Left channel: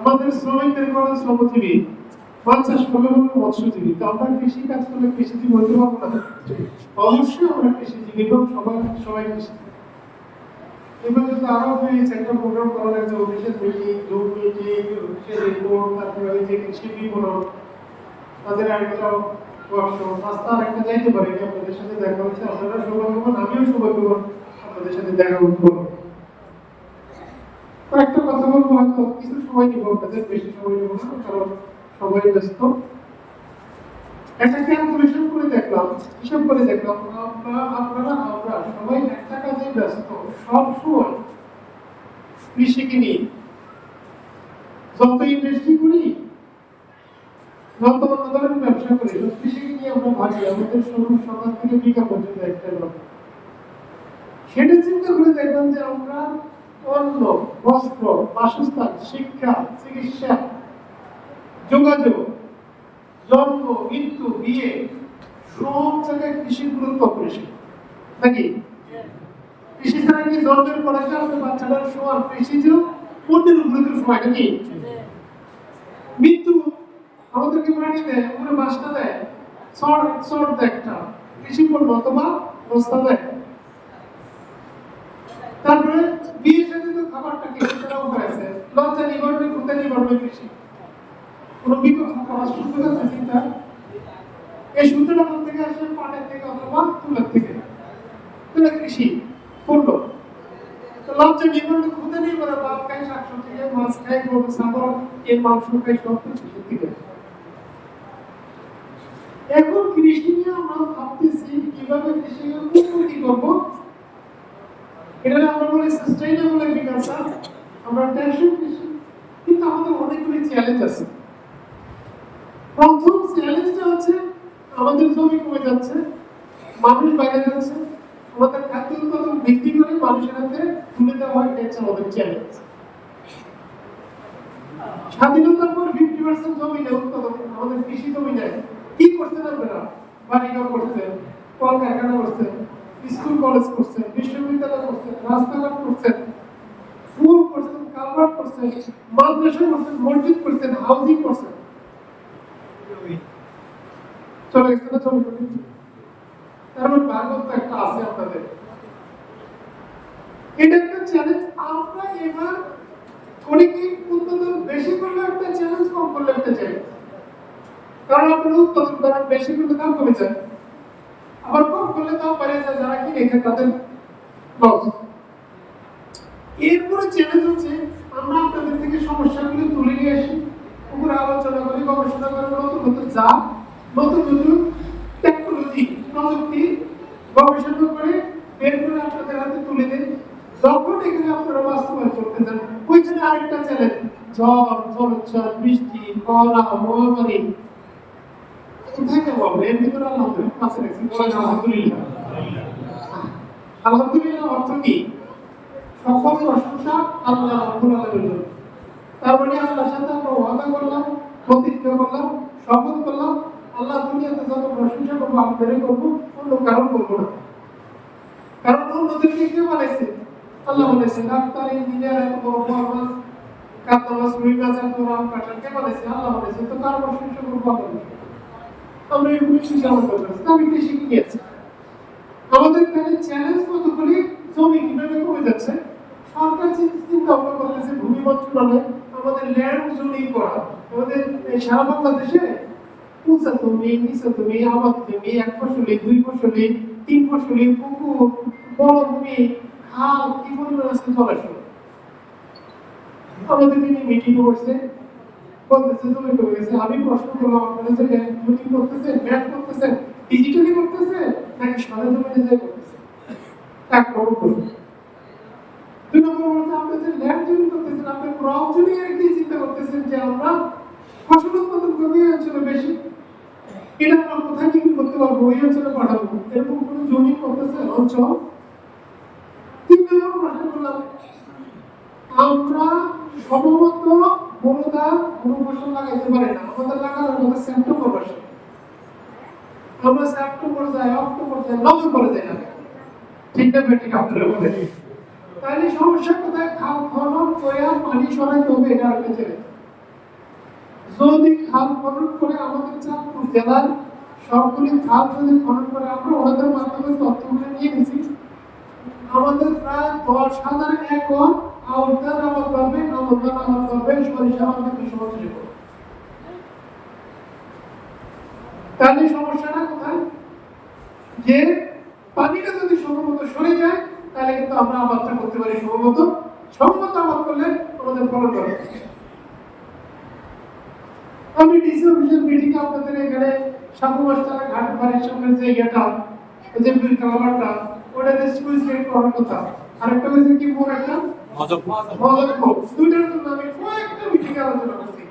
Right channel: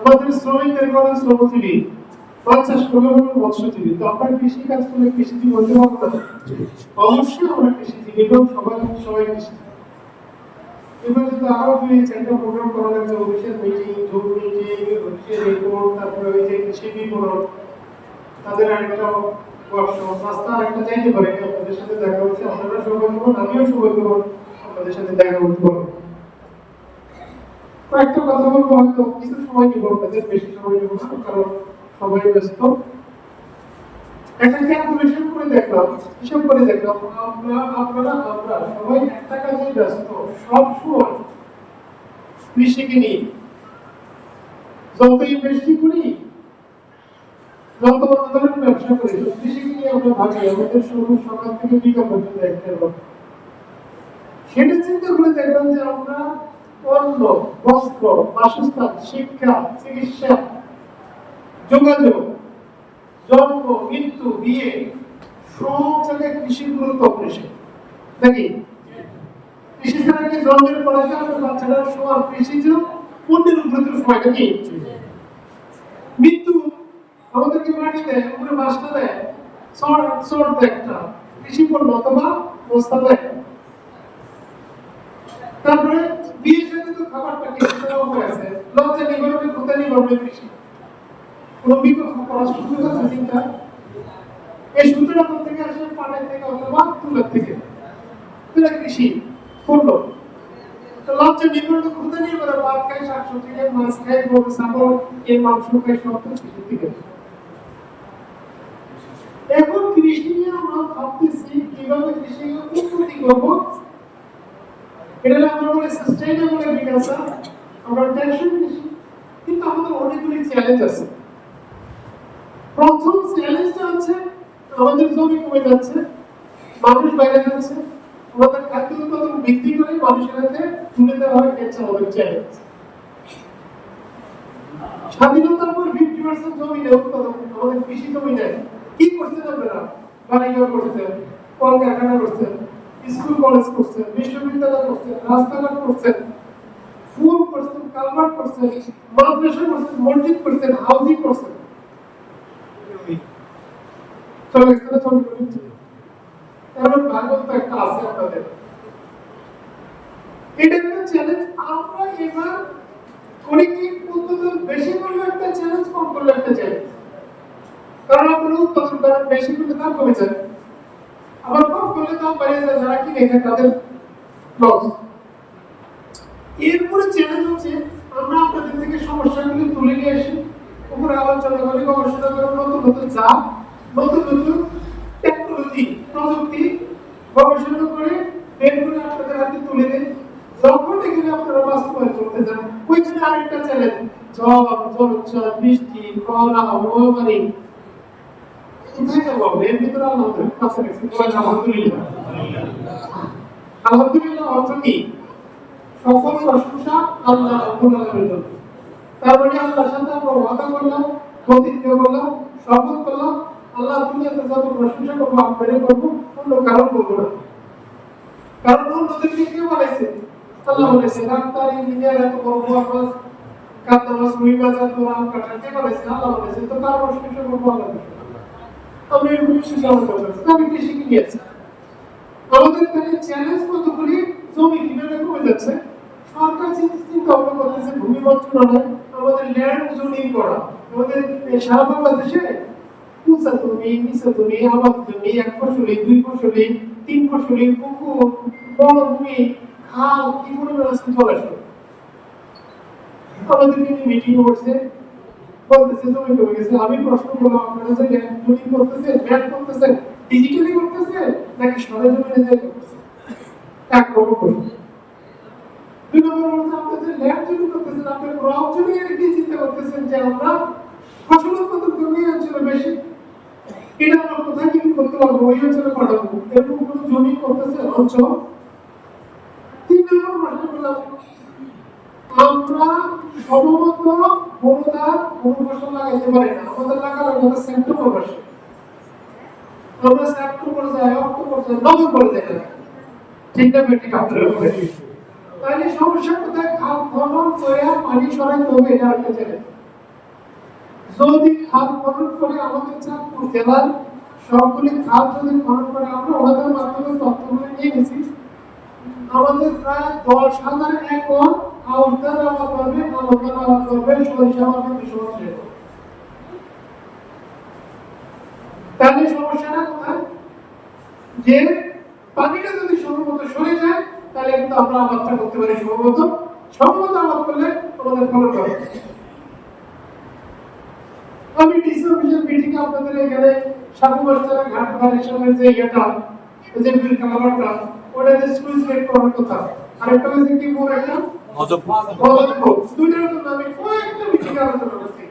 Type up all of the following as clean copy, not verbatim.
আমাদের শ্রমিকদের কোনো শ্রমজীবী, মাছ চাষ করলে হলো মৎস্যজীবী। তো আমরা কৃষি কাজ করলে কৃষিজীবী হতে পারবো না? অবশ্যই আমরা কৃষিজীবী এবং সবাই কৃষিজীবী। এবার যদি আরো দুই চারটা প্রোগ্রাম করা লাগছে, অফিসের মিটিং, জুম মিটিং, অফিসের রিপোর্ট, তারপরে ওই যে কৃষি বিপণন, তাদের একটা ওয়ার্কশপ, রাস্তা একটা চাইতে পারে, আপনাদের সাথে দেখা হচ্ছে, আপনারা সৌভাগ্যবান, আমিও সৌভাগ্যবান আপনাদের সাথে দেখা করতে পারবো। একটা কথা বলবো, হয়তো কিছু সময় নেবো, আপনাদের বেশি সময় নেবো না, কারণ সবাই ব্যস্ত। একটা ক্যালকুলেশন করে দেখলাম, হিসাব করে দেখলাম, আমরা সবাই একটা কাজে ব্যস্ত, সব সময় কৃষিকে নিয়ে যত ইনভেস্ট করি, যত ধরনের ব্যবসা করি, কৃষিকে নিয়ে আমরা ভাবি আমাদের শুরু সকাল থেকে বিকাল পর্যন্ত একটা কথা। সেটা চিন্তা করে দেখলাম যে আমরা অন্ন, বস্ত্র, বাসস্থান, শিক্ষা, চিকিৎসা, যোগাযোগ, জন্ম, মৃত্যু, বিয়ে, সব জায়গায় কৃষির গুরুত্ব বেশি নাকি? কৃষি ছাড়া কি জন্মের পরে আমাদের বাচ্চাটার সময় কৃষি ছিল অন্যের গুরুত্বের সময় নাকি? মৃত্যু আমাদেরকে মাটি দেয়, আমরা বাসটা দেয়, সর একটা কৃষি পণ্য অথবা বস্তা দেয়। তারপরে বিয়ের সাথে তো খাবারটা কৃষি দেওয়া হয়েছে, লজ্জা নিবারণে ভূতা নিবারণে কৃষি। রবি কথা পড়াশোনা করতে চিন্তা এই সূত্রটা কোথা থেকে আসে? পাটের থেকে অথবা তুলার থেকে। তুলা কৃষি পণ্য। তো লজ্জা নিবারণে ভূতা নিবারণ, বাপ খায় শাকসবজি খায়, মাছ খায়, গরু ছাগল, এর মাংস খায়, সব কৃষি থেকে। এখন কৃষি নিয়ে আমরা ভাবতেছি কিভাবে কৃষিকে উন্নতি করবো। এটা আমরা বলি সাস্টেইনেবল এগ্রিকালচার, আমরা টেকসই কৃষি। কিন্তু আমাদের অনেকগুলি চ্যালেঞ্জ আছে। প্রথম চ্যালেঞ্জটা হচ্ছে আমাদের জমি কমে যাচ্ছে, মানুষ বেড়ে যাচ্ছে, আমাদের খাদ্য উৎপাদন বৃদ্ধি করে মানুষের হাতে তুলে দেওয়া হয়, এটা হচ্ছে আমাদের চ্যালেঞ্জ। স্বাধীনতার পর 50% জমি নেই উৎপাদন, আমাদের কৃষি জমি নেই। কি করছেন আপনারা? বাড়িঘর করছেন, কলকারখানা করছেন, স্কুল কলেজ করছেন, বিশ্ববিদ্যালয় করছেন, রাস্তাঘাট করছেন, স্কুল করছেন, কালভার্ট করছেন, মাদ্রাসা করছেন, মসজিদ করছেন, হাউজিং করছেন। চলে গেছে না? চলে গেছে। এমন ভাগবত একটা আছে আপনাদের। এটা একটা চ্যালেঞ্জ। আমরা এবার অনেকে উৎপাদন বেশি করলে একটা চ্যালেঞ্জ, কম করলে একটা চ্যালেঞ্জ। কারণ আপনারা উৎপাদন করেন বেশি করলে দাম কমে যায়, আবার কম করলে দাম বেড়ে যায়, যারা কি রেখে তাদের লস। এরপরে চ্যালেঞ্জ হচ্ছে আমরা আপনাদের থেকে সমস্যাগুলি তুলে নিয়ে আসি, উপরে আলোচনা করি, গবেষণা করে নতুন নতুন জাত, নতুন নতুন টেকনোলজি, প্রযুক্তি গবেষণা করে বের করে আপনাদের হাতে তুলে দেন। যখন এখানে আপনারা বাস্তবায়ন করতে যান, ওইখানে আরেকটা চ্যালেঞ্জ, ঝড়, জলোচ্ছ্বাস, বৃষ্টি, করোনা, মহামারী, কোথায় যাবো? এর ভিতরে আলহামদুলিল্লাহ কাছে রেখেছি। আলহামদুলিল্লাহ, আলহামদুলিল্লাহ অর্থ কি? সকল প্রশংসা আল্লাহ রাব্বুল আলামিনের। তার মানে আল্লাহর সাথে আমরা ওয়াদা করলাম, প্রতিজ্ঞা করলাম, শপথ করলাম, আল্লাহ দুনিয়াতে যত প্রশংসা করবো আপনারই করবো, অন্য কারণ করবো না। কারণ অন্যদেরকে কে বানাইছে? আল্লাহ বানাইছে। ডাক্তার, ইঞ্জিনিয়ার, এত বড় বড় মাছ, কাতলা মাছ, রুই মাছ, এত রাম কাটা কে বানাইছে? আল্লাহ বানাইছে। তো কারণ প্রশংসা করবো আল্লাহ। আমরা এই কৃষি চালু করতেছি, আমি কৃষি কি নিয়েছি। আমাদের এখানে চ্যালেঞ্জ কতগুলি, জমি কিভাবে কমে যাচ্ছে, সরকার চিন্তা ভাবনা করতেছে ভূমি মন্ত্রণালয় আমাদের ল্যান্ড জোনিং করা। আমাদের সারা বাংলাদেশে উঁচা জমি, নিচা জমি, আবাদ জমি, এক ফসলি, দুই ফসলি, তিন ফসলি, পুকুর, বড় ভূমি, খাল, কি পরিমাণ আছে জলাশয়। আমাদের নিয়ে মিটিং করছে, বলতেছে জমি কমে গেছে। আমি প্রশ্ন করলাম, আপনারা যে ল্যান্ড জোনিং করতেছেন, ম্যাপ করতেছেন, ডিজিটালি করতেছেন নাকি সারা জমিনে যায় করতেছেন? এক বড় প্রশ্ন। দুই নম্বর হচ্ছে আপনাদের ল্যান্ড জোনিং করতেছেন, আপনার ক্রপ জোনিং এর কি চিন্তা করতেছেন যে আমরা ফসল উৎপাদন কমে অঞ্চলে বেশি, এটা আমরা কোথায় বিক্রি করতে পারবো, ওই অঞ্চলে পাঠাবো, এরকম কোনো জমি করতেছে অঞ্চল? তিন নম্বর প্রশ্ন করলাম, আমরা সম্ভবত অনুদান ফসল লাগাইতে পারি না, আমাদের লাগানো আমাদের সেপ্টেম্বর মাসে, আমরা সেপ্টেম্বর যায়, অক্টোবর যায়, নভেম্বর যায় না। ঠিক না বেঠিক আপনারা বলে? তাহলে সমস্যা কোথায়? খাল খনন করে পানি সরাইতে হবে, এটা একটা চ্যালেঞ্জ। যদি খাল খনন করে আমাদের চাঁদপুর জেলার সবগুলি খাল যদি খনন করে আমরা ওনাদের মাধ্যমে তথ্যগুলো নিয়ে গেছি, আমাদের প্রায় 10,000 একর আউটডোর আবাদ করবে, আউটডোর আবাদ করবে সরিষা আবাদ বিশ্ববর্ষে। তাহলে সমস্যাটা কোথায়? যে পানিটা যদি সম্ভবত সরে যায় তাহলে কিন্তু আমরা আবাদটা করতে পারি সম্ভবত আবাদ করলে আমাদের ফলন হবে। আমি ডিসি অফিসের মিটিং আপনাদের এখানে সাবু মাস্টার ঘাট বাড়ির সামনে যে এটা এই যে বিল কালারটা ওটাতে সুইচ গেট করার কথা, আর একটা হচ্ছে কি পুরো একটা মজবুত দুইটার জন্য আমি কয়েকটা মিটিং আলোচনা করছি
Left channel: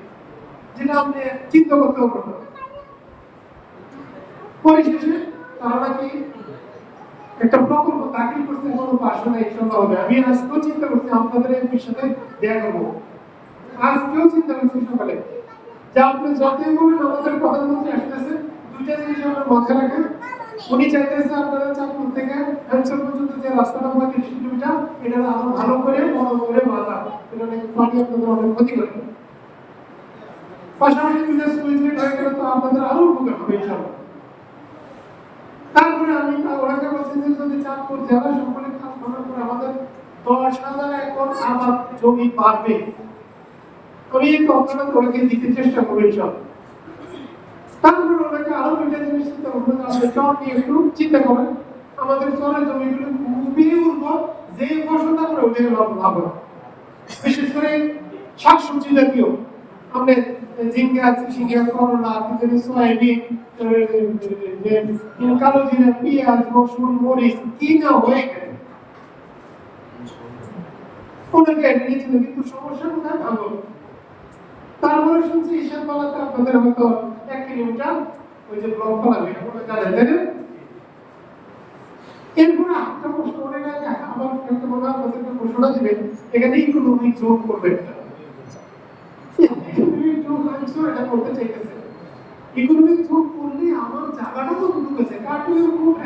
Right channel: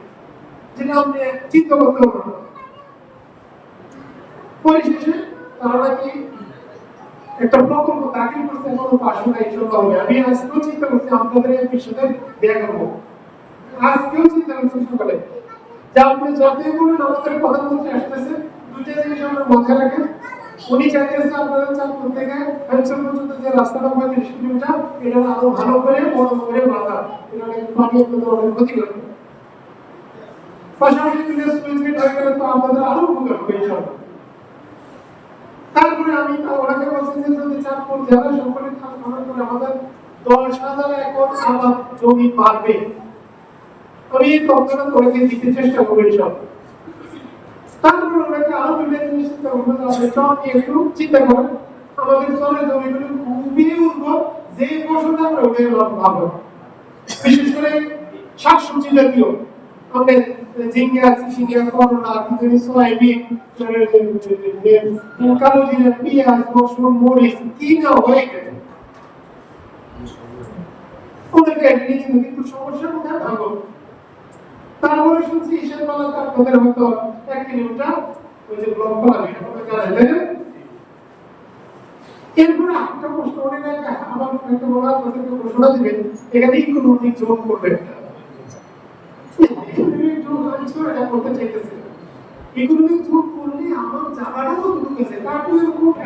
যেটা আপনি চিন্তা করতে পারবেন। পরিশেষে তারা নাকি একটা প্রকল্প দাখিল করতে এখনো পাশে নাই সন্ধ্যা। আমি আজকেও চিন্তা করছি আপনাদের এই সাথে দেখা করবো, আজকেও চিন্তা করছি সকালে যে আপনি যতই বলেন আমাদের প্রধানমন্ত্রী আসতেছে, দুইটা জিনিস আমরা মাথায় রাখেন। উনি চাইতেছে আপনারা চাঁদপুর থেকে ফ্যান্সর পর্যন্ত যে রাস্তাটা 35 কিলোমিটার এটা আরো ভালো করে বড় করে বাঁধা, এটা পানি আপনাদের অনেক ক্ষতি করে। পাশাপাশি বিদেশ সুইচগেট হয়ে গেলে তো আপনাদের আরো উপকার হবে ইনশাআল্লাহ। তারপরে আমি ওনাকে বলছি যে যদি চাঁদপুর জেলা সকলে কাজ করে আমাদের 10,000 একর আবাদ জমি পাবে, আমি এই তথ্যটা তোমাকে দিতে চেষ্টা করবো ইনশাআল্লাহ। তারপরে ওনাকে আরো দুইটা জিনিস চিন্তা করবো, আপনি চর নিয়ে একটু চিন্তা করেন। আমাদের চরের জমিগুলো খুবই উর্বর, যে ফসলটা আমরা ওটাই পাবো, বিশেষ করে শাকসবজি জাতীয় আপনি ঝিঙ্গা, চিচিঙ্গা, করলা, সয়াবিন, কালো জিরা, পেঁয়াজ, রসুন, মরিচ কি না হয়ে গেছে ওনাকে নিয়েছিল, কিন্তু সমস্যা কোথায় থাকবো। তারপরে শুনছি ঈশান বেলা আপনাদের হয়তো 1 কিলোমিটার ওই যে ব্লক বানাবে আপনারা জানেন, তাই না? এরপরে একটা প্রশ্ন মনে গেছে, আমার একটা বড় আপনাদেরকে প্রশ্নটা দিবেন, এখানে ইকোনমিক যোগ করবে ইকোনমিক যোগ করলে আমার জায়গাটাও ঢুকেছে, কারণ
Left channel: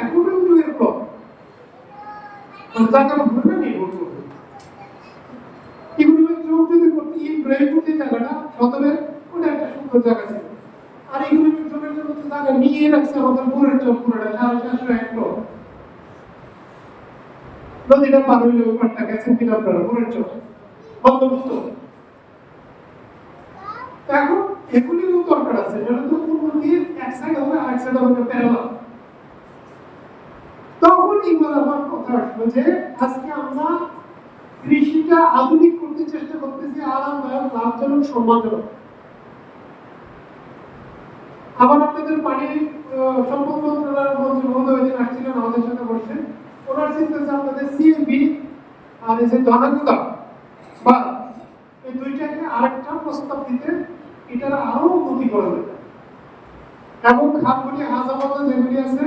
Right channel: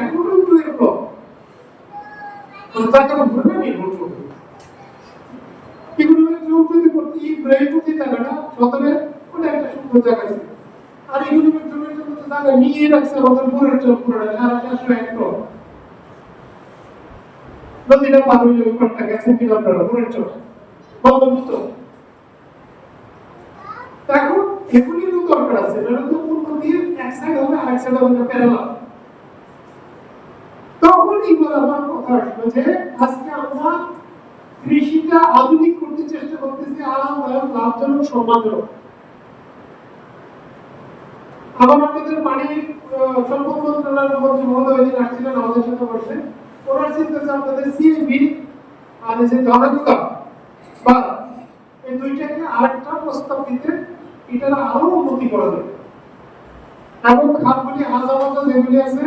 এখনো উঠে ব্লক জায়গা ভুলে নেই বলবো। ইকোনমিক যোগ যদি করতে ইব্রাহিমপুর জায়গাটা সদরে ওটা একটা সুন্দর জায়গা ছিল, আর ইকোনমিক যোগের জন্য তো জায়গা নিয়ে রাখছে আমাদের পুরের চোখ করে 400 একর নদীটা পার হইলে ওখানটা গেছে কিনা আপনারা পুরের চোখ বঙ্গবন্ধ। এখন এখনই দরকার আছে, এটা তো কোন দিয়ে এক সাইড হবে আরেক সাইড হবে প্যারালাল। তখন এইবার আমার কথা আসলো যে আজকে আমরা কৃষিটা আধুনিক করতে চেষ্টা করতেছি, আরামদায়ক, লাভজনক, সম্মানজনক। আবার আপনাদের পানি সম্পদ মন্ত্রণালয়ের মন্ত্রী মহোদয় দিন আসছিলেন আমাদের সাথে বসে, ওনার চিন্তা যে আপনাদের সিএবি আর যে জনগণতা বা এই দুইটাকে আরেকটা প্রস্তাব দিতে, এটা আরো উন্নতি করা যাবে এবং খাতগুলি হাজার যেগুলি আছে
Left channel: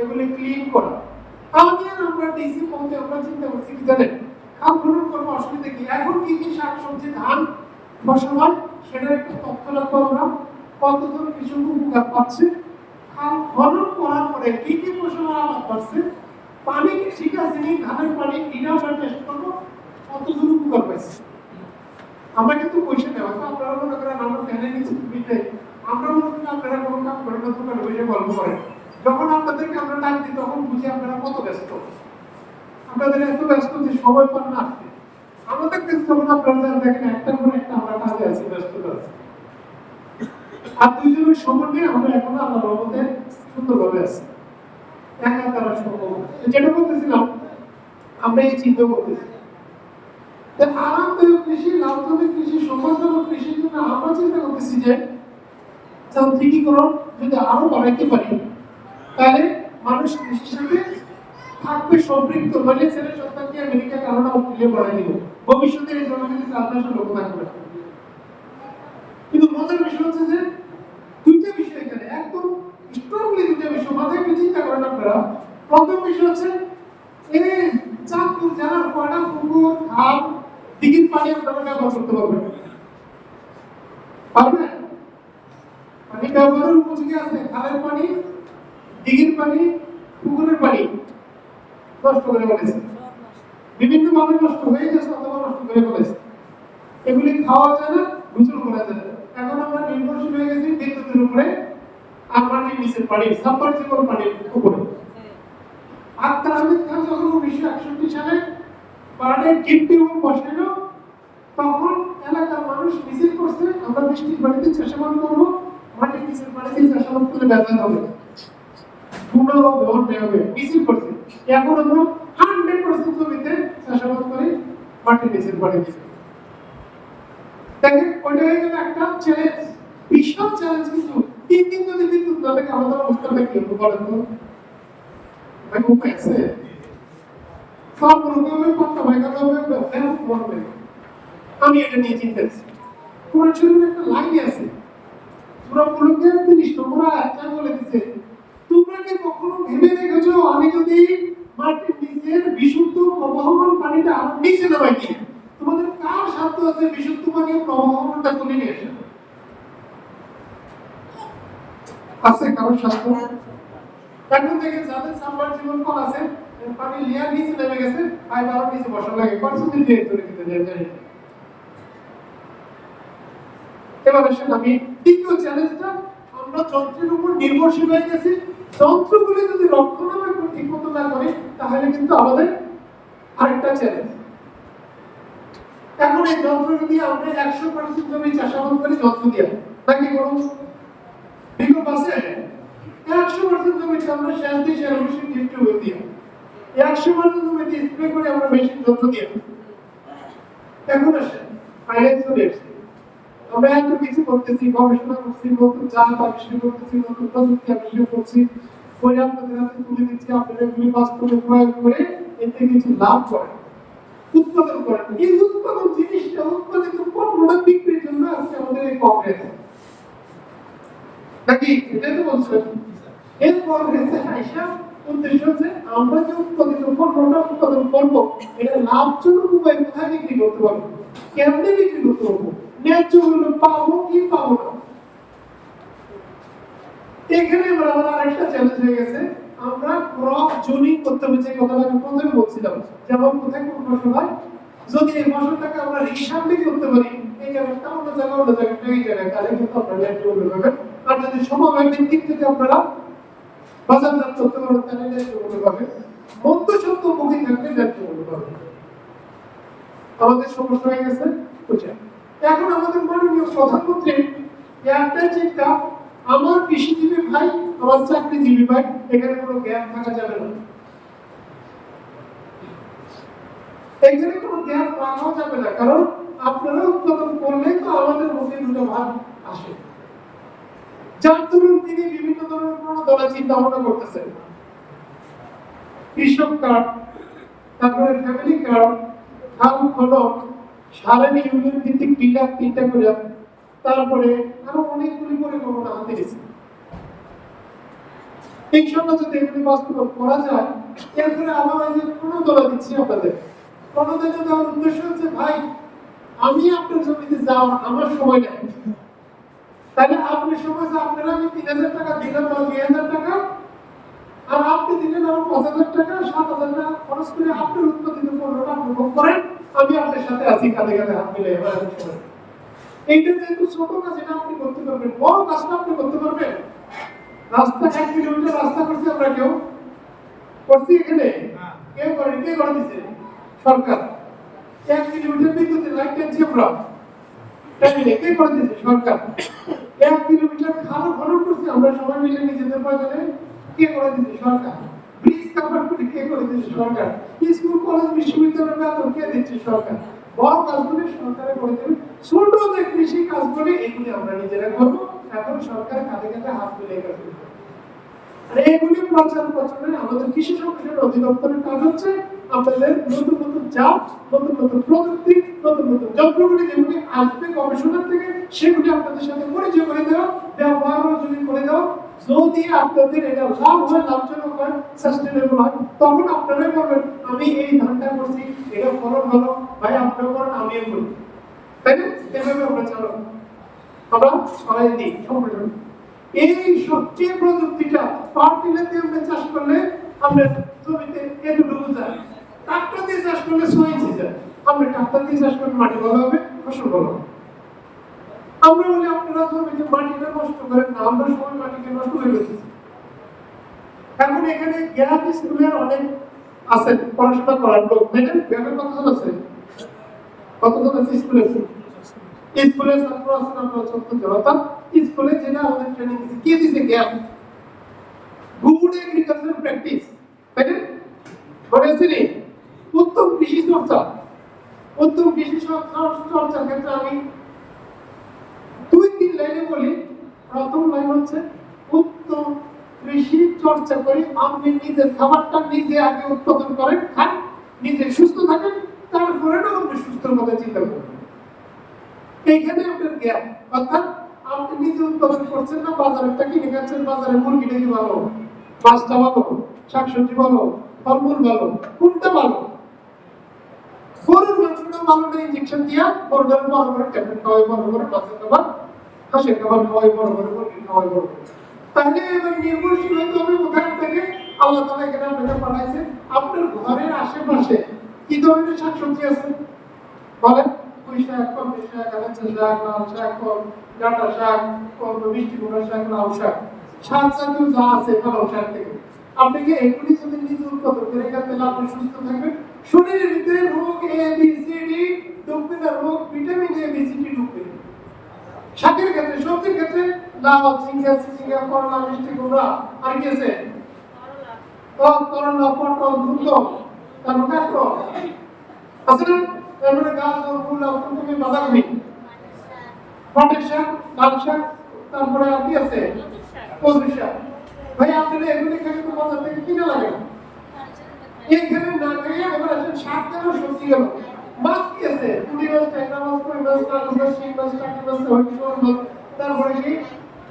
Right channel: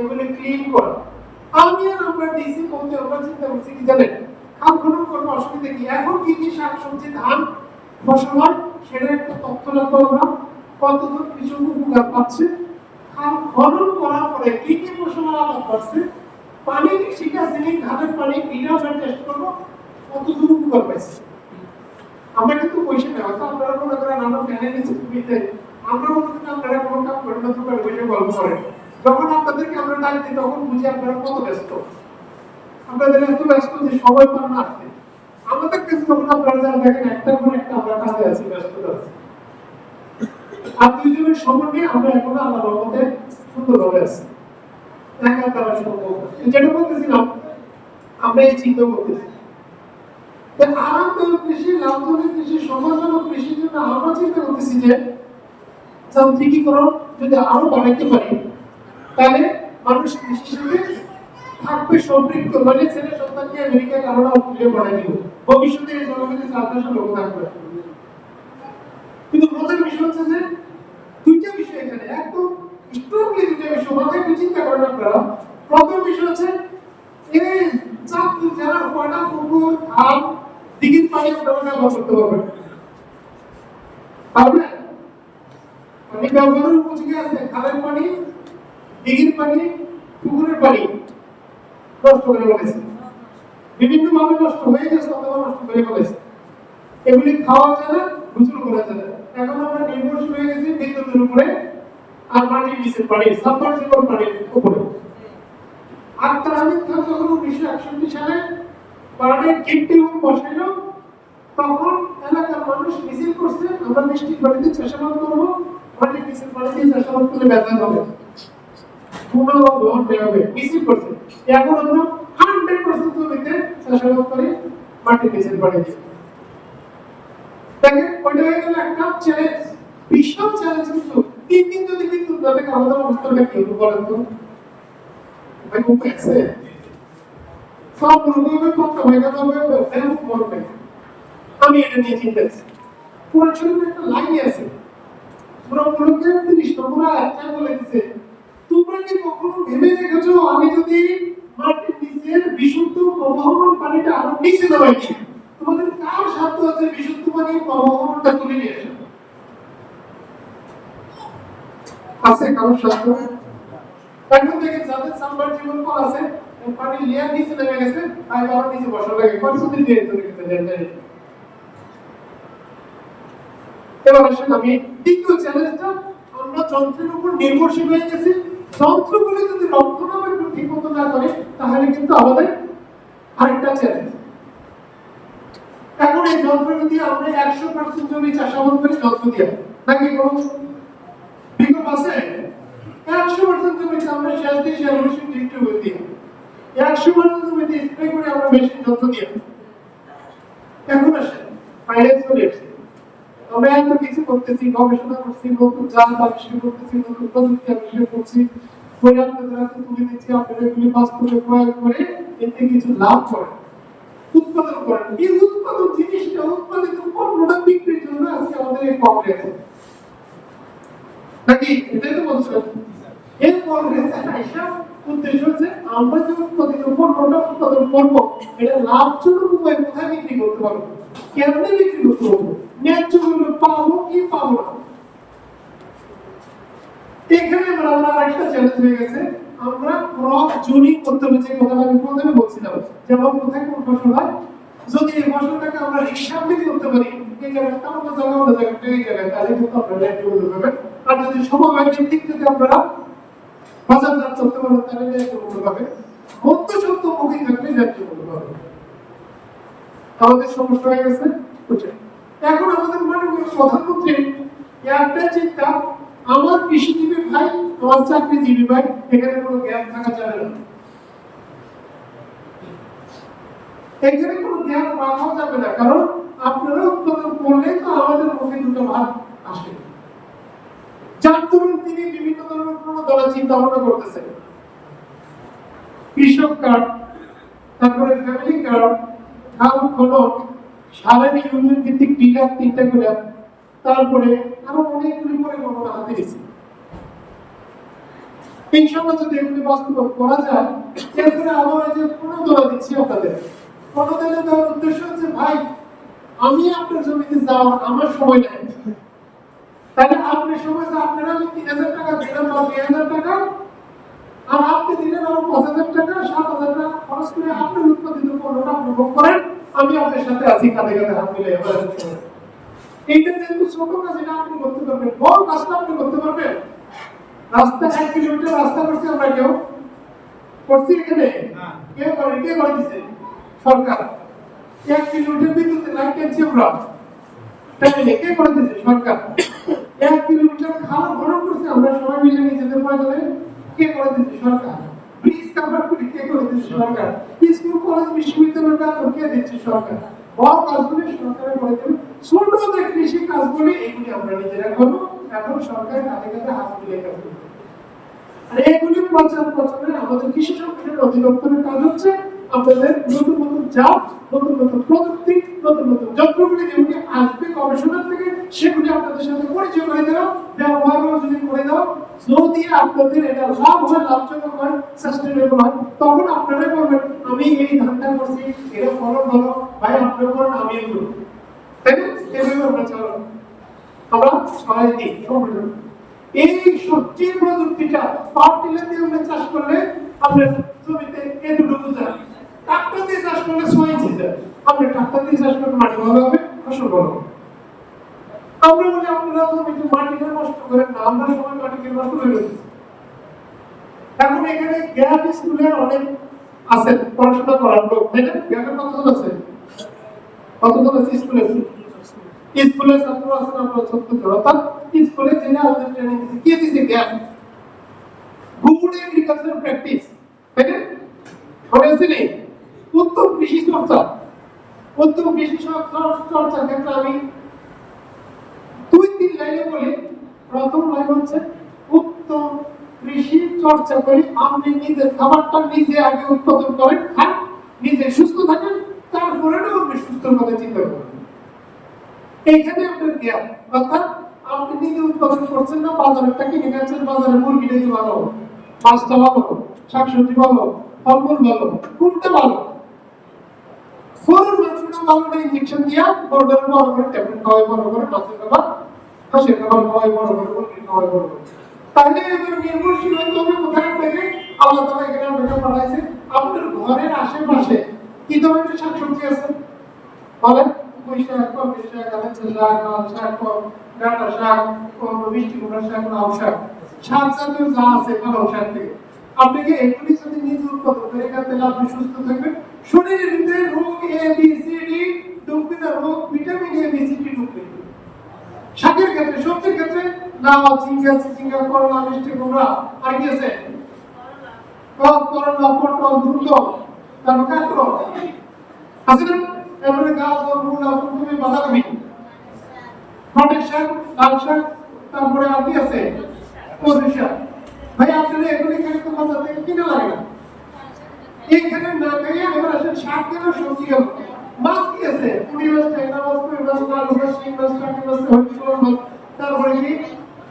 এগুলি ক্লিন করা। আমি আর আমরা ডিসি মধ্যে আমরা চিন্তা করছি কি জানেন, খাত খনন করবো অসুবিধা কি, এখন কি কি শাকসবজি ধান ফসল হয় সেটার একটা তথ্য রাখবো আমরা, কতজন কৃষক উপকার পাচ্ছে, খাত খনন করার পরে কি কি ফসলের আবাদ পাচ্ছে, পানি ঠিক আছে কি ধানের পানি এটাও টেস্ট করবো কতজন উপকার পাইছে। আমরা কিন্তু পয়সা দেওয়া তো আপনারা মনে করেন আমরা ফ্যানের নিচে দিতে, আমরা মনে করি আপনারা কোনো কাজ করেন না, দোকানে বসে গল্প করেন। যখন আপনাদেরকে আমরা ডাক দিই তখন বুঝি আপনারা কত ব্যস্ত, আপনাদের এত ব্যস্ত যে সময় পান না আসতে। আমাদের কাছে যখন আপনারা যারা দেখেন একটার পর একটা আমরা কাজে আছি, ব্যস্ততা আছি, আর দুইজনের সমন্বয়ে আমরা এখনো আল্লাহর রহমতে সুন্দরভাবে আছি। দেখা করা সম্ভব যেটা বলতেছিলাম, আমরা এই চিন্তা করতেছি আরামদায়ক কৃষি, লাভজনক কৃষি, সম্মানজনক কৃষির জন্য আমরা চিন্তা করতেছি যে যান্ত্রিকীকরণ যদি আরো বাড়াইতে পারি তাহলে মানুষ কৃষির সাথে থাকবে সম্পৃক্ত, মানে ছেলে সন্তানকে আমেরিকা, কানাডা, অস্ট্রেলিয়া বানাই দিব, ভবিষ্যতে এই জনগণের চারপাশে লোক থাকবে। কিন্তু মজার বিষয় হচ্ছে যে দুইটা বিষয় এখানে একদম স্ট্রংলি দুইটা বিষয় মাথায় একটু চিন্তা করেন আপনারা। প্রথম বিষয় হচ্ছে এই চাঁদপুর জেলার কয়টা পুকুর, খাল, দিঘির পানি আপনারা ব্যবহার করতে পারবেন? পারবেন? আমি ব্যবহারের উপযোগী আছে খালের পানি, দিঘির পানি, পুকুরের পানি নষ্ট করে ফেলেছে, বিভিন্ন ভাবে নষ্ট হয়ে গেছে অথবা নষ্ট করে ফেলেছে। এগুলি খাওয়া যায় না, গোসল করা যায় না। এখন আমরা নির্ভরশীল হয়ে গেছি বিদ্যুতের উপরে আর মাটির নিচে পানি, সাবমার্সিবল পানির উপরে। আব্দুল হামিদ খান যখন 1961 সালে পানির ডিপ টিউব বসাইলো, তখন এলাকার মানুষ মিছিল করছে, আমরা বৃষ্টির পানিতে চাষাবাদ করবো, মাটির নিচের পানিতে চাষাবাদ করলে ব্যথা হবে, কোনো ব্যবহার হবে, মিছিল করছে। এখন আমরা 100% জমিতে চাষাবাদ করি মাটির নিচের পানিতে। দেখেন ওইটা হয়ে গেল একটা চ্যালেঞ্জ, বিশাল চ্যালেঞ্জ। কিন্তু 3 দিন যদি বিদ্যুৎ না থাকে আমাদের অবস্থাটা কি হবে বলেন তো? ভাই খুব আছে সব রোগী পক্ষ হয়ে গেল হবে বলবে। আমি এটা নিয়ে চিন্তা করছি। কোরআন শরীফে একটা লাইন আছে, সূরা মুলুকের 30 নম্বর আয়াতে বলে দিয়েছে, তোমরা কি কখনো ভেবে দেখেছো আমি যদি মাটির নিচের বিশুদ্ধ প্রবাহমান পানিটা আরো নিচে নামাই দিই, তোমাদের কার সাধ্য আছে বিশুদ্ধ পানির প্রবাহমানটা তুলে নিয়ে আসা? আছে কারোর সাধ্য? এখন থেকে যাদের সাবমার্সিবল কল আছে, পানি লেয়ার নিচে নেমে গেছে, আর আরো নিচে বসা লাগে, কনসেপ্ট দিয়ে চলে গেছে জানেন। এবার আসলে আমি দ্বিতীয় চ্যালেঞ্জটা, আমরা যন্ত্রের উপর নির্ভরশীল হয়ে গেছি। যন্ত্রগুলো যদি রক্ষণাবেক্ষণ ঠিক মতো না করে তাহলে কিন্তু আমাদের আরেকটা চ্যালেঞ্জ। এখন এই যন্ত্র যদি আমরা 100% জমি চাষাবাদ করি যন্ত্র দিয়ে, নাকি কোনো বিকল্প আছে? 100% জমিতে আমরা সেচ দিয়ে সেচ মেশিন ডিস্ট্রিবিউট দিই, 100% জমিতে স্প্রে করে আমরা মেশিন যন্ত্র দিয়ে। এখন আসে ফাইন্যান্স চলে এসেছে, আমরা এত কিছু করতেছি, গবেষণা করছি, নতুন জাল আবিষ্কার করতেছি, নতুন প্রযুক্তি আবিষ্কার করছি, পরে আপনাদের হাতে তুলে দিচ্ছি, আপনারা এগুলি বাস্তবে প্রয়োগ করে এতে কিছু লাভ করেন, উৎপাদন করেন। এই উৎপাদন জিনিসটা, উৎপাদিত পণ্যটা বিক্রির জন্য আজকে আমাদের এই কংগ্রেস নাকি এটা তো বলছেন। এই কংগ্রেসে আইসা উদ্দেশ্য হচ্ছে আমরা যে উৎপাদিত পণ্যটা উৎপাদন করবো এটা লাভজনক উপায় কোথায় বিক্রি করতে পারবো, কেমনে বিক্রি করতে পারবো, ন্যায্য মূল্য পাবো কি পাবো না। এখানে আমরা আরেকটা চ্যালেঞ্জ হয়ে গেছে, আমরা ক্রপ জোনিং করতে হবে, যে কথাটা আমি প্রথমে বলছিলাম, যেমন কোথায় কোন ফসল হয়, যদি এই ফসলটাকে আমরা হিসাবে করতে পারি এই জায়গাটা অন্য জায়গায় অন্য জায়গায় এই জায়গায়, তাহলে কিন্তু আমরা ন্যায্য মূল্য পাবেন। আর যদি সমবায় ভিত্তিক যদি আপনারা বাজারজাত করতে পারেন তাহলে ন্যায্য মূল্য পাবেন, মধ্যস্বত্ব মুখী থাকলে ন্যায্য মূল্য পাবেন। আমাদের সমস্যা হয়ে গেছে বুঝছেন। এখন আমাদের মাননীয় প্রধানমন্ত্রী একটা চিন্তা, আমার কৃষিজীবী ভাই, আমার চাকরিজীবী ভাই, এখানে কোনো গ্যাপ থাকা যাবে না, এখানে কোনো গ্যাপ রাখা যাবে না, কারণ আপনারা উৎপাদন করলে তো আমাদের মধ্যে দুটো ভাগ আসে। যার দরুন তিনি বিভিন্ন ধরনের প্রণোদনা চিন্তা ভাবনা করতেছেন, কৃষক কার্ড, তারপরে ফ্যামিলি কার্ড, ধান ফলন, সারানি ইউনিয়ন ভিত্তিক ডিলার 3টা করে, তারপরে আরো অনেকগুলি পরিকল্পনা হাতে নিয়েছে। এই সময় যদি এগুলি বাস্তবায়ন করা যায়, এরপরে আমরা যে প্রণোদনা দিচ্ছি আপনাদের, প্রণোদনা দেওয়ার উদ্দেশ্য হচ্ছে ভাই আমি আপনার জমিতে যাওয়ার আমার সময় নেই, তাহলে আপনি সময় আপনারা আমি 3000 টাকা দিলাম বা 2000 টাকা, আর আপনি দিলেন আরো 5000 টাকা, 7000 টাকা খরচ করে আপনার উৎপাদিত পণ্যটা আপনি ভোগ করেন, আমি আপনার সাথে আছি, কাঁধে কাঁধে হাত মিলে। এইটা যেহেতু ছোট কাজ, এটা আপনি করতে পারবেন, বড় কাজটা আপনি করতে পারবেন। রাস্তা 1 কিলোমিটার রাস্তা করছি আমরা, কেউ করছি এখানে? কেউ করে? কে করে দিচ্ছে? সরকার। 1 কিলোমিটার বিদ্যুতের লাইন টেনছি আমরা, তাই কে করে দিচ্ছে? সরকার। 1 কিলোমিটার খাল খনন করছে আমরা সবাই মিলে নিজেদের প্রয়োজনে, কে করে দিচ্ছে? সরকার। ব্রিজ কাভার করে কে করে দিচ্ছে? সরকার। স্কুল কলেজ বিশ্ববিদ্যালয়ের বেতন কে দিচ্ছে? সরকার। বড় কাজগুলি সরকারে করে দেবে, ছোট যে কৃষি কাজগুলি এগুলি আমরা নিজেরা করবো। এখন সরকার কাঁধে কাঁধে হাত মিলিয়ে কাজ করবে। আর এইগুলি প্রচারে আমাদের কৃষি সম্প্রসারণ অধিদপ্তরের কাজ হচ্ছে আপনাদের নতুন নতুন জাত, নতুন নতুন প্রযুক্তি, নতুন নতুন যন্ত্রগুলি যেগুলি আসবে গবেষণা থেকে, সেগুলি আপনাদের সাথে পরিচয় করে দেওয়া, ব্যবহারও যদি করে দাও, যদি আপনাদের এটা লাভ হয়, লাভজনক হয়, সাস্টেনেবল হয়, তখন আপনারা বলবেন আমি এই ধানটা করছি, এটা ফলন ভালো, ভাই আপনারা করেন, আমি এই করব, তাই না? এভাবে আমরা চালাবো, আমরা সবাই দিই সম্পূর্ণ। এই সবজি প্রযুক্তিটা ফার্টিলাইজার দিয়ে আমরা চাষ করলে আপনার জমিতে এতটুকু যায়, ট্রাক্টর দিয়ে চাষ করলে 6 ইঞ্চি যায়, আপনি ট্রাক্টর দিয়ে চাষ করলে মাটি ভালো হবে, ফসল ভালো হবে। আমরা বলি আপনারা তো মাটিটা নষ্ট করেন না, আমরা সবাই মাটিকে নষ্ট করে দিচ্ছি। এখন এখানে গ্যাপ স্কুলের অনেক আছে পড়াশোনা করার লোক, তাই না? গ্যাপের কতজন আছে? কতজন আছে স্কুলে? স্কুলের ছাত্র আছে আমরা ৭০ জন। অর্থাৎ স্কুলে যেটা আমাদের ট্রেনিং দিচ্ছে কি দিচ্ছে? গ্যাপ গুড এগ্রিকালচার প্র্যাকটিস, তাই না? মনে আছে নি? উত্তম কৃষি চর্চা। উত্তম কৃষি চর্চার ক্ষেত্রে আমি ২-৩ লাইনে বলি। প্রথম লাইন হচ্ছে উত্তম কৃষি চর্চা করি আপনি নিজের খাবারটা নিজে আগে উৎপাদন করেন, খান, নিজে সুস্থ থাকেন, তারপরে না আপনি সুস্থর কথা চিন্তা করবেন। এইখানে আপনার জ্ঞান, অর্থাৎ আপনি নিজে উৎপাদন করছেন না, বাজারটা কিনে খাচ্ছেন, বাজারে মুরগিটা কি ভালো, মাছটা ভালো, শাকসবজি ভালো, ফলমূল ভালো, কোনটা ভালো? গরুর মাংসটা ভালো না ইনজেকশন দিয়া বড় বড় করে ট্যাবলেট খাওয়াই, বড় করে মাছের খাবার, হাঁসের খাবার খাওয়াই, বড় করে মুরগির খাওয়াই, বড় করে। তাহলে এবার নির্ভরশীল হতে হবে কোথায় থেকে? আল্লাহ তাআলা এখানে আপনাকে পাঠাইছে আপনার ঘরের আশেপাশে কি ধরনের শাকসবজি আছে বলেন? পুঁই শাক, কলমি শাক, হেলেঞ্চা শাক, লাল শাক, ডাঁটা শাক, মিষ্টি কুমড়া শাক, লাউ শাক, শাক জাতীয় যা আছে পালং শাক থেকে আপনি কি এগুলি যদি নিজে উৎপাদন করে খান তাহলে আপনি সুস্থ থাকবেন। শরীরের ভিতরে রোগ এ বি সি ডি ঢুকবে না, রোগ vitamin A B C D ঢুকবে। শাকের ক্ষেত্রে, সবজির ক্ষেত্রে লাউ, ঝিঙ্গা, চিচিঙ্গা, করলা, মিষ্টি কুমড়া, আর কি আছে? করলা, পটল, ধুন্দল, তারপর কাঁকড় আছে না? এরপরে গাজর, মূলা, ফুলকপি, বাঁধাকপি, মটর শাক, লাল শাক, তারপরে আর কি আছে? কচু শাক। ভাই আপনারা এগুলি খেলে তো বাজার থেকে কিনে লাগে না, এইখানে না খেয়ে এবার আসেন শাক গেল, সবজি গেল, মাছ কি আছে? পুঁটি মাছ, ট্যাংরা মাছ, কই মাছ, কালো মাছ, শিং মাছ, টাকি মাছ, হইচই মাছ, তারপরে কি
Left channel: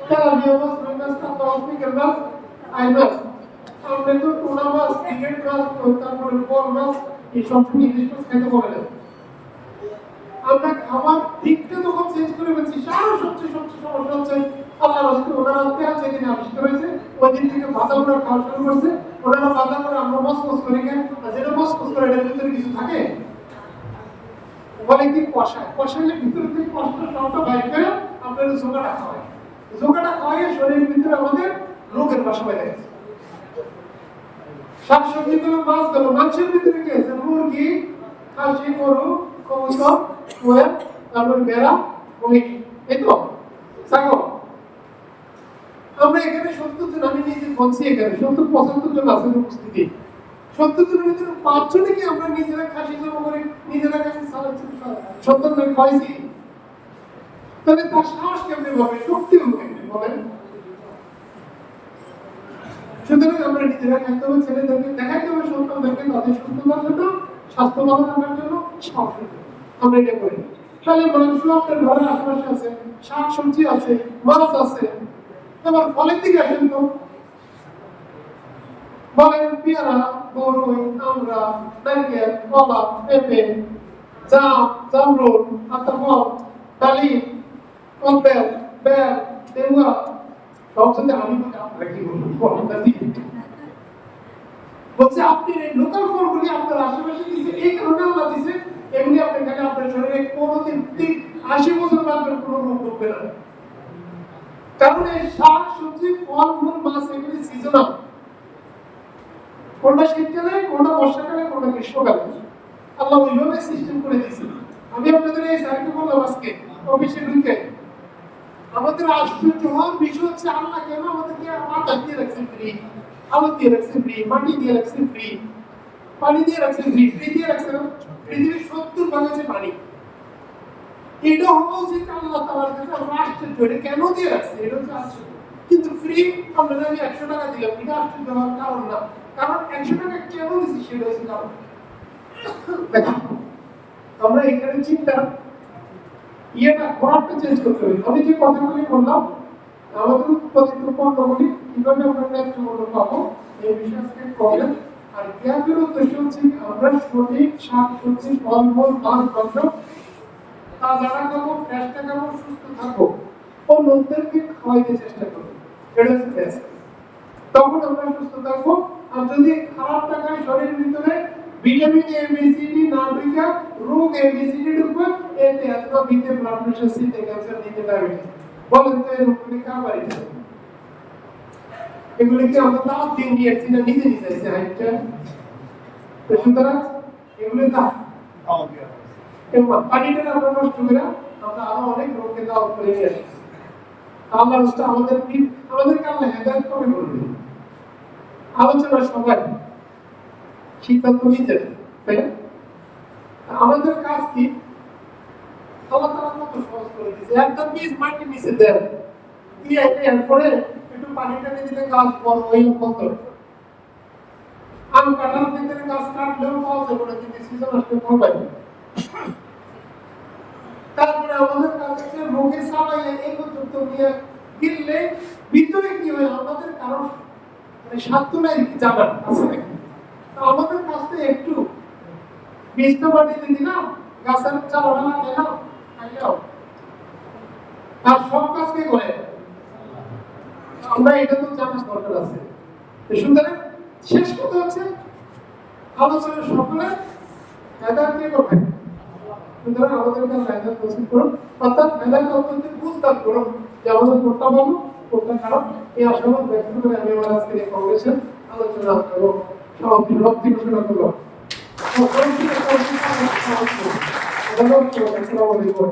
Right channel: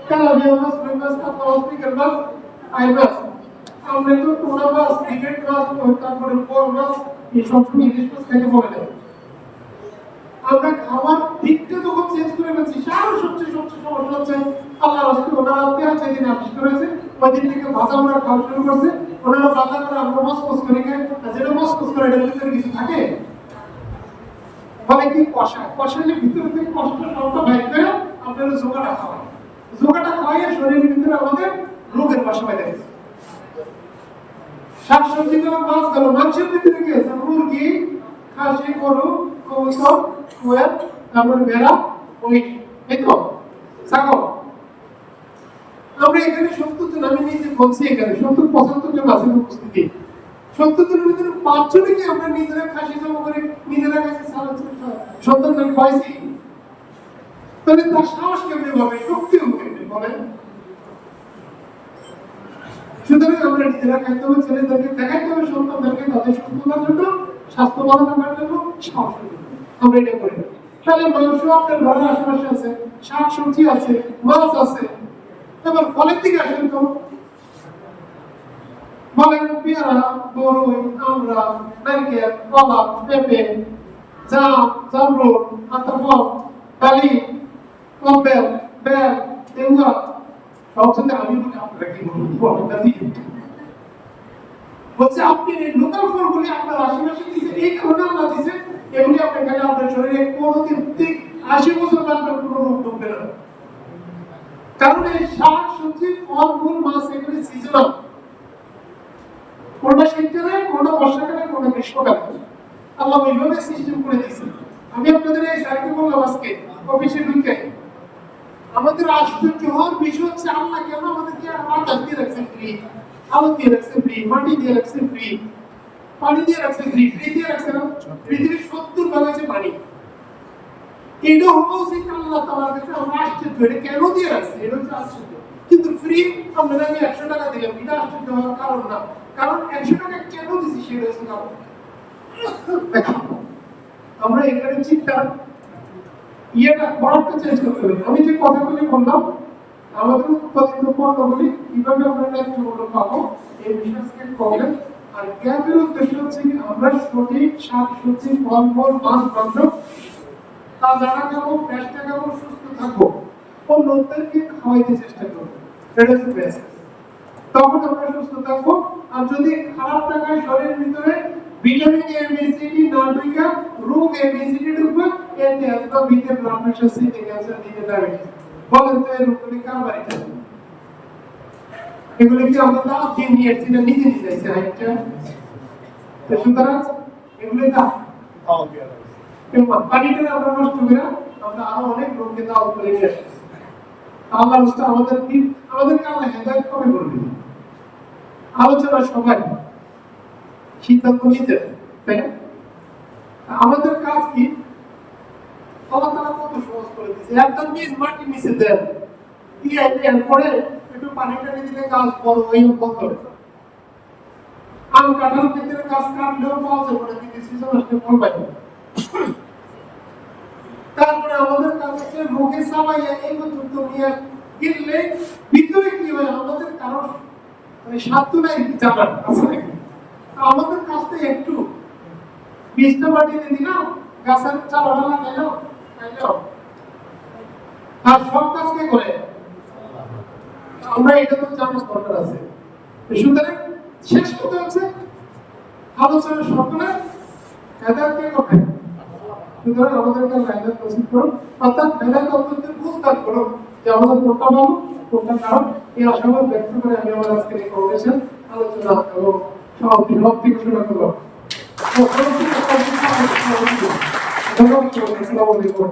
তেলাপিয়া মাছ, রুই মাছ, কাতলা মাছ, পিকেল মাছ, আই মাছ, আমরা তো টুনা মাছ, ক্রিকেট মাছ, তারপরে কোল মাছ, এইসব ইলিশ মাছ খেতে পারে না। আমরা খাবার দিকটা যখন চেঞ্জ করে ফেলছি, সারা সবচেয়ে সমস্যা হচ্ছে আল্লাহ রাসূল ওনারা পেঁয়াজের দিন আবিষ্কার হয়েছে, ওই দিন থেকে ভাজা ওরা খাওয়া শুরু করছে। ওনারা ভাজা করে আমরা মসমস করে খাই, যেটা মসমস করে এটার ভিতরে কিছু থাকে বলে কি কষা, কষাইলে ভিতরে থেকে কষ্ট সবটা বাইর করে আপনার জোগাটা খাওয়াই, জোগাটা খাওয়াইয়ে শরীরের ভিতরে আমাদের রোগের বাসা বেঁধে গেছে। শাকসবজি গেল, মাছ গেল, মাংসের ভিতরে কি আছে? মুরগি, খাসি, গরু, কবুতর, কোয়েল, তারপর ভেড়া, মহিষ, এই তো ছাগল। আমরা এখানে ৭০ জন, আমি নিজে বলছি এখানে ৭০-৭৫ জন আছেন উপস্থিতি। ৭০ জনের ভিতরে ৫ জনে কি আমরা নিজেরা খাসি জমা করে নিজেরা কাছে সন্তান পাইছি? তাহলে তার সাহস কেমনি হবে, শক্তি হবে কেমনি বলেন? সুতরাং আমরা নিজেরা খাইতে হবে, ছেলেদেরকে দেখাইতে হবে, সন্তানদেরকে তাদের সুস্থতার জন্য, স্বাস্থ্যবান থাকার জন্য, সাহসের জন্য আমরা এটা করি। তাহলে মাংস আপনার ঘরের আশেপাশে আছে, শাক সবজি আছে, মাছ আছে। এবার ফলের দিকে আসেন তো, বলেন পেয়ারা, বরই, আমরা, নারকেল, কলা, পেঁপে, জাম, জামরুল, আতাফল, ডালিম, কম্বেল, বেল, লেবুয়া, সবচেয়ে আমি বলি আপনারা কি বলবো ফলটা দিয়ে বলছে আপনি এই লোকাল ফলগুলি আপনার আশেপাশে দিচ্ছে, এই কারণে আল্লাহ দিচ্ছে এগুলি আপনি খেলে আপনার শরীরে কোনোদিন ৮০ বছর বাঁচবেন, কোনো রোগ ঢুকবে না। কারণ এই শাক সবজি, ফল মূল, মাছ এগুলি সিজনাল, কোনটা শীতকালে, কোনটা বর্ষাকালে, কোনটা গ্রীষ্মকালে আল্লাহ ওইভাবে সিস্টেম করে দিয়েছে। আমি আপনাদের এই সাইকেল বললাম আজকে অফিসে ঢুকে আমাদের আশ্চর্য হওয়ার বিষয় হচ্ছে আল্লাহ কেন আমাদেরকে আটা দিয়ে রাখছে ফ্রি, আলো দিয়ে রাখছে ফ্রি, মাটি দিয়ে রাখছে ফ্রি, পানি দিয়ে রাখছে ফ্রি, ফ্রি দিয়ে রাখছে না? পৃথিবীর ৭০ ভাগ হচ্ছে পানি। এটা হওয়া উচিত আল্লাহ তাআলার কাছে আমরা আশ্চর্য, এটা কেন দিয়ে রাখছে, এটা হচ্ছে আশ্চর্য। কিন্তু ফ্রি আপনারা আমি ১০০ টাকা দিলাম, এটা আশ্চর্য হওয়ার কারণ না, কারণ ১০০ টাকা কেন দিছি সেটা হচ্ছে কারণ। আমরা এখানে চিন্তা ইয়েটা করাটা চেঞ্জ করতে হবে। আমি যে কথাগুলি বললাম আমাদের উৎপাদিত পণ্যগুলি কিভাবে আমরা ন্যায্য মূল্য পাবো এই বিষয়ে প্রবলেম। আর গ্যাপের উদ্দেশ্য হচ্ছে আমরা সঠিক শাক সবজি, ফলমূল, মাছ, মাংস তাজা খাবো, ফ্রেশ খাবো, সুস্থ থাকবো, অন্যদেরকে খাওয়াইতে চেষ্টা করবো, এটা হচ্ছে বেস্ট। তখন আমরা সুস্থ থাকবো। আর যদি খারাপ টাকায় শরীরের ভিতরে vitamin A B C D না ঢুকে রোগ এ বি সি ডি ঢুকবে, এতে আসবে বিতে ব্লাড প্রেশার, সিতে ক্যান্সার, ডিতে ডায়াবেটিস। বলেন তো এই রোগগুলি কার বাড়িতে? এগুলো কি আমরা দাওয়াত দিয়ে নিয়ে এসেছি না নিজে নিজে এসে একটা? তো সুতরাং এগুলো না পানিটা আমরা নষ্ট করে আমরা আরো অনেক রোগকে দাওয়াত করে নিয়ে আসছি। আল্লাহ রাস্তায় আমাদেরকে আল্লাহ হেদায়েত করে বলবেন। আলোচনা সবাই সিদ্ধান্ত নিতে, তাই না? আমাদের কাজ কি? আল্লাহ তাআলা কত সহজ করে দিয়েছে, একদম বীজ মাটির নিচে দেন, দিয়ে এরপরে একটু পানি টানি দিলে গাছ বড় হয়ে ফল। আম কাঁঠাল থেকে গাছ কাটলেও পাওয়া যাবে না, কিন্তু সিজন আসলে ফল পাই। তারপরে আমাদের কাজ হচ্ছে রোগে সাবাইয়া এই পর্যন্ত নিয়ে গেলে ভিতরে কি হয় আমাদের কারণ মানে স্বাস্থ্য নাই জানার আছে নাকি? আমাদের কাছে একটু বীজটা মাটিতে দিলাম, গাছের চারাটা লাগাইলাম, খাইলাম, আর সব কাজ কে করে? আমরা এটা তো জানার দরকার আছে। সুতরাং শেষ কথা হচ্ছে আলোচনা সকলে হেদায়েত কে করবে? সুতরাং আমাদেরকে হেদায়েত নসিব করুন, অর্থাৎ হেদায়েত অন্তত বুঝতাম করুন যে আমাদের কোনটা ভালো কোনটা খারাপ। এই আশাবাদ ব্যক্ত করে আমি আমার আজকের এই কংগ্রেসের আলোচনা এবং সমাপ্তি ঘোষণা করলাম। ধন্যবাদ। আসসালামু আলাইকুম।